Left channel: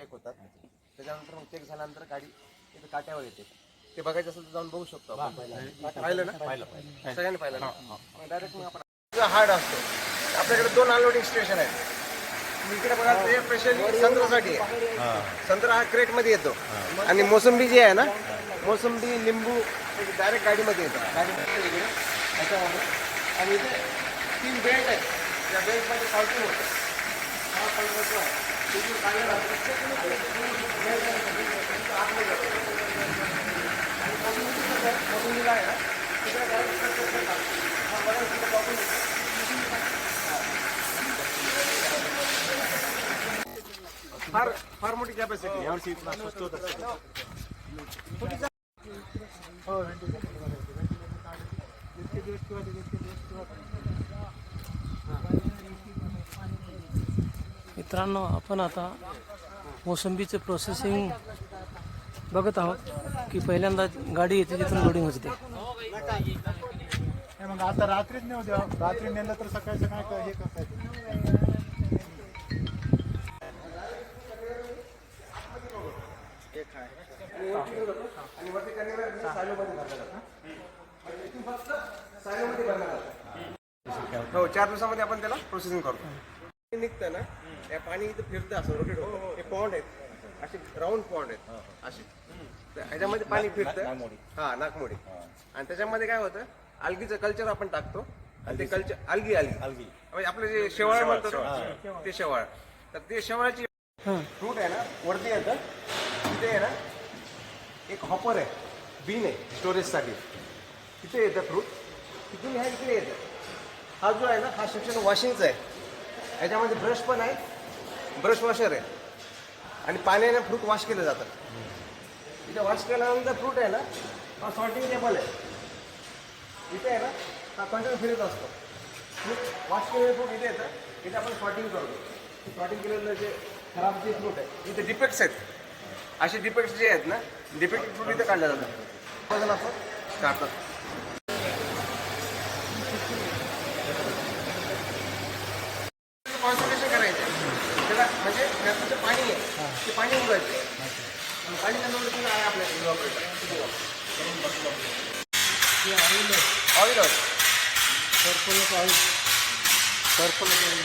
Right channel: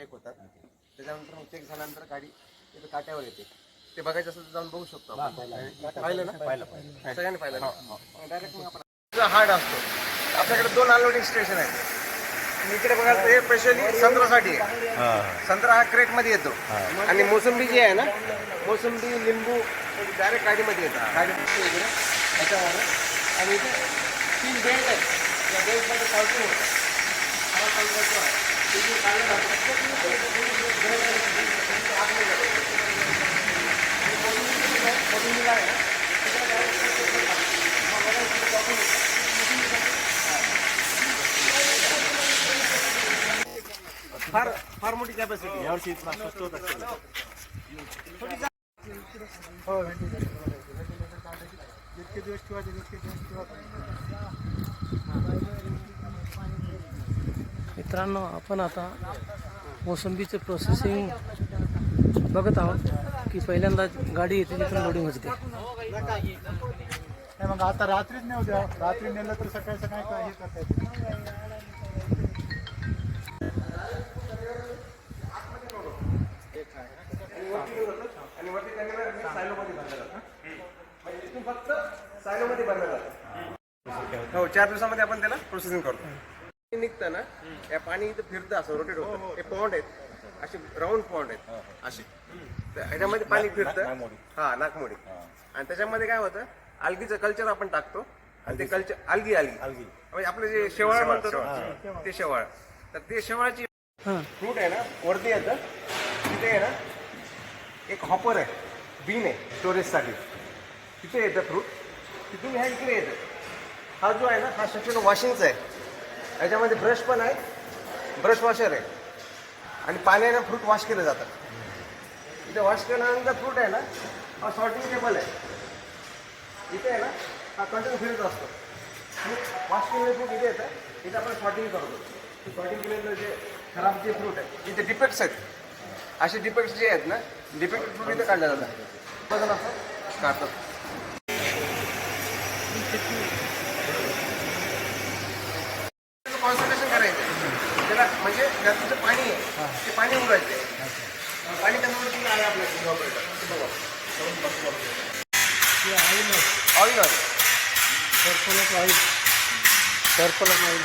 Check होतात. त्याच्यानंतर मग चेक झाल्यानंतर गाडी इथं काट्यावर येते. ते बघायचं असेल तर जाऊन बघू शकतो आपण. पाहिलं ना? सगळ्यांनी पाहिलं ना? डायरेक्ट मग आपण हार्ड असतो. आपल्याकडे दोन अनलोडिंग स्टेशन आहेत. इकडे बघायला ते स्पेशली संत्र्यासाठी आहे. संत्रा हा क्रेटमध्ये येतो. आणि मोसंबी जी आहे ना मोसंबी लिंबू डायरेक्ट गाडीमध्ये येतात. गाडीमध्ये इकडे. त्याच्यामध्ये. आणि इथे तीन बेल्ट आहेत. या बेल्टमध्ये सॉल्टिंग होतं. हा आहे, फार फार मोठी कॅपॅसिटी यावर्षी जितके दिवस ते आतमध्ये जातं. आणि मित्रांनो आपण आता मोसंबीचे प्रोसेसिंग बघत आहोत की पहिल्यांदा गाडी येते तिथून लोडिंग होते. मग आता रात्रीच नाही होते रात्री नेलं तर सकाळी सकाळी काय हे म्हणजे हो चार दिवसामध्ये आपण त्याला प्रोसेसिंग करतो. निघतं ना या पाणी इथं फिरतं असं रोटेट होतं. हे पॉन्ड आहेत. असे राऊंड पॉन्ड आहेत. असे. तर ह्याच्यामध्ये पाणी फिरतं. हा नागमोडी आणि त्याच्यामध्ये काय होतं algae चं कल्चर आपण टाकतो. आणि ते कल्चर अलगी अलगी म्हणजे आपलं जे शेवाळ म्हणतो ना, ते शेवाळ. तर ते शेवाळाची हां. फ्रूट आहे ना वरती येतं. तिथे आहे ना एक हॉपर आहे. बीन आहे स्टोरेजसाठी तिथे येतं फ्रूट तिथून ह्या इकडे येतं. हा जो आहे ना हा सेक्शन वॉशिंगचा आहे. याच्यामध्ये ब्रश पण आहे. ब्रश वॉशर आहे. आणि पाण्याने फ्रूट वॉश केलं जातं. इथे वॉश केल्यानंतर फ्रूट आहे ना सॉर्टिंग टेबल आहे. इथे आहे ना हा कंटिन्यू फिरत असतो. फ्रूट वॉश केलेले फ्रूट इथे येतं इथे आपण सॉर्टिंग करतो. सॉर्टिंग केलेलं जे खराब जे फ्रूट आहे इथे डिफेक्ट्स आहेत. असे डिफेक्ट्स जे आहेत ना डिफेक्टेड फ्रूट इथे काढल्या जातात. बघा असं काढतात. कॉन्सन्ट्रेशन करायचं. त्याला म्हणजे त्याचं जे पाणी आहे ते पाणी उडायचं पाणी कमी आहे आपल्याकडे? Oil oil circle oil